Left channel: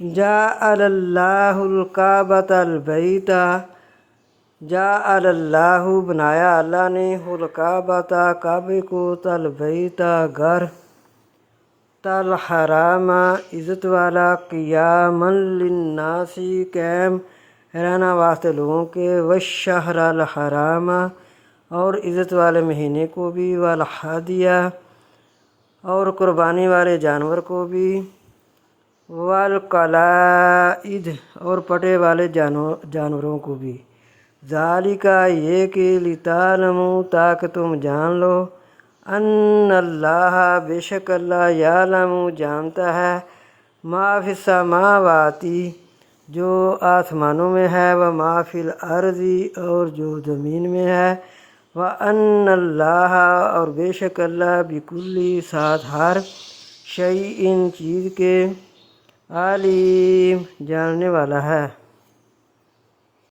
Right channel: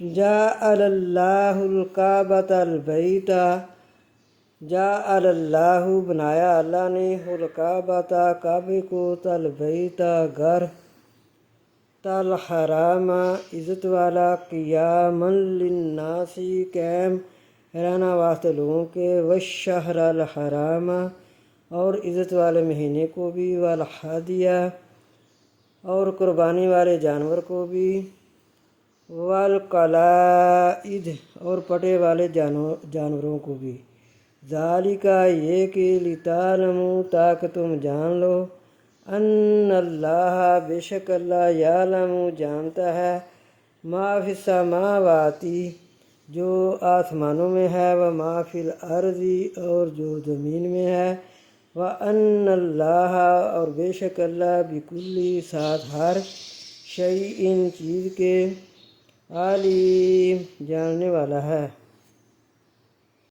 جعل اللہ الکعبۃ البیت، جعل اللہ بنایا اللہ نے، الکعبۃ کعبے کو، البیت گھر، الحرام عزت والا، قیاما للناس قائم رہنا واسطے لوگوں کے، والشہر الحرام اور عزت والے مہینے کو بھی، والہدیہ اور قربانی والے جانور کو بھی، والقلائد اور پٹے والے جانوروں کو بھی، ذالک یہ کہ لتعلموا تاکہ تم جان لو، ان اللہ بے شک اللہ یعلم جانتا ہے، ما فی السماواتی جو آسمانوں میں ہے، وما فی الارض اور جو زمین میں ہے، وان اللہ اور بے شک اللہ بکل ساتھ ہر شیء چیز کے علیم جاننے والا ہے۔